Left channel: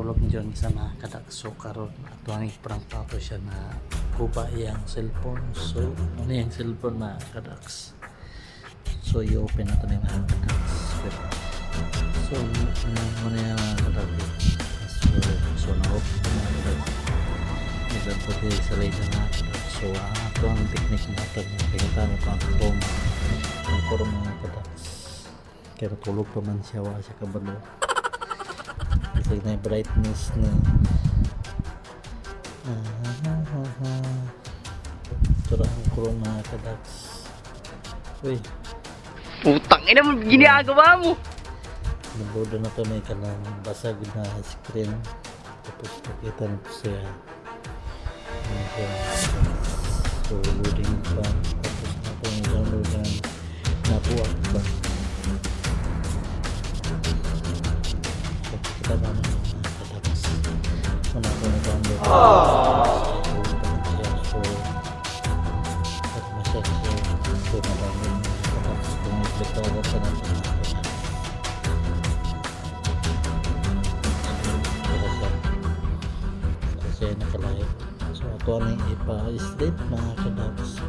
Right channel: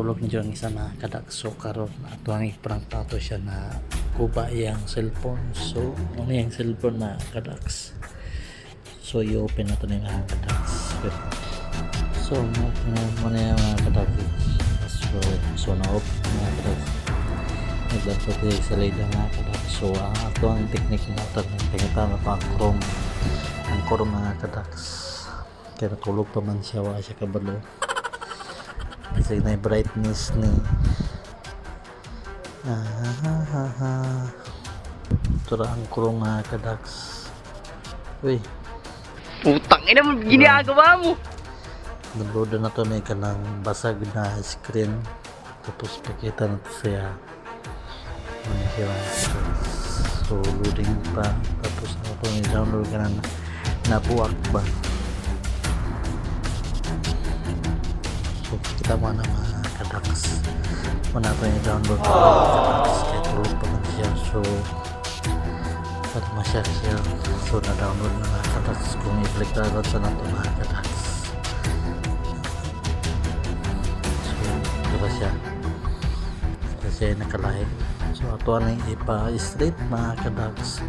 natulog niyo ang isa na kadakso karon ato ang iprang tato siya na kuba iyang cellphone. So ano yung cellphone na kadaks, so i-open nato na yung mga kadaks. So muna yung mga kadaks, so na-open mga kadaks, naglanto tayo sa layda mga kadaks. So ato ang technique natin yung pangitama pa ang chrome mga kadaks, kaya natulog pa man siya, wala siya kabalo kasi na yung brightness ni tura ang chrome mga kadaks. Uy, Putang ina mo, ginagawa mo. nabload na to na kanang basag na screen, tapos pakita na to siya. Ano siya, so loading pa, tapos na to i-download ka ng nabuwak ba. So kita mo na mga kadaks, muna ko i-download pa kahit load pa man siya. So at masya siya, so na-download na mga kadaks. Kung i-click na ito na ito mga kadaks, so siya kasi nakalahi. So ito na yung ipa-straight mga kadaks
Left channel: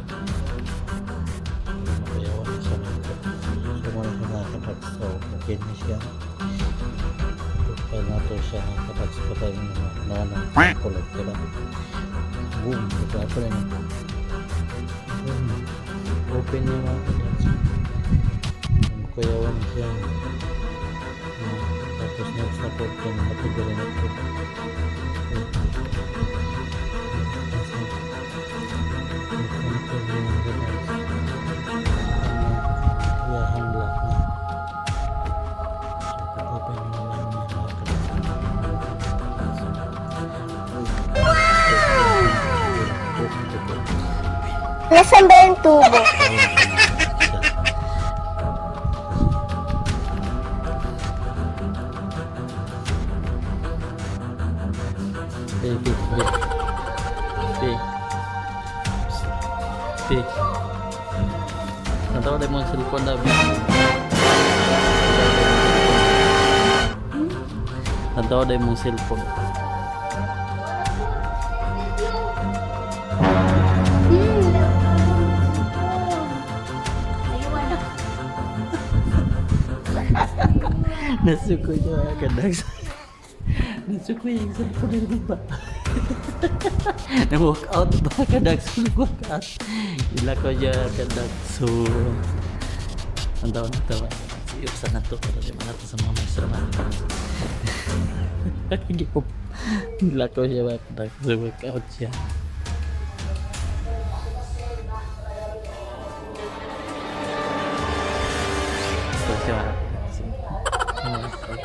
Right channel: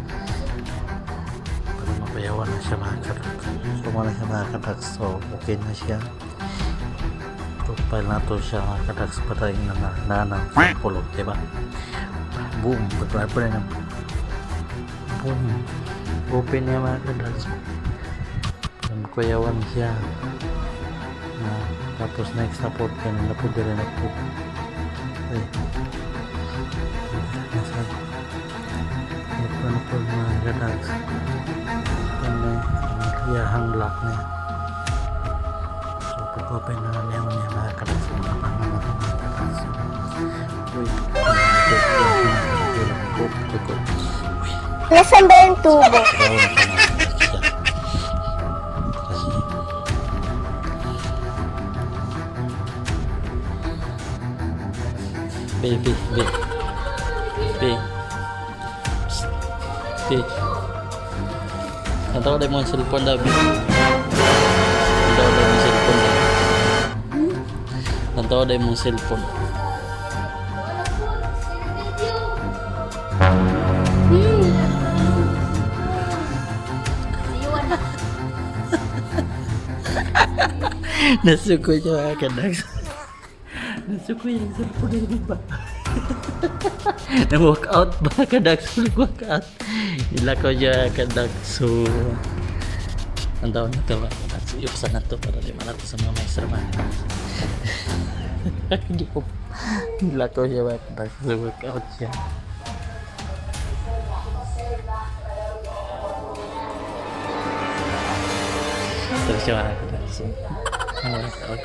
para mapayawan na siya mga kadaks. So muna siya mga kadaks, so okay na siya. Profile na to siya mga kadaks, patay na nanang kulog, diba? Boom, patay pa rin. Boom, open niya mga kadaks, kuyawan siya. Tapos next support yan, napod rin ako. Okay. Ito na po mga kadaks, kayahang lock niya. So pag-open na niya mga kadaks, matapang na natin mga kadaks. Uy, Nasaan ba yung tubo? Baby. Nantawa dahil mo yung cellphone daw. Nantawa dahil mo yung cellphone. Nasuko niya mga kadaks. Nasuko yung cellphone ng iba. Na-walk out ba kadaks? Walk out. Ila ko niya kadaks. So ang taon na ito mga kadaks, iupsan na ito para di man nato sa mga maestra man. Ila ko niya mga kadaks. So walk out siya. Ito siya mga kadaks. So walk out.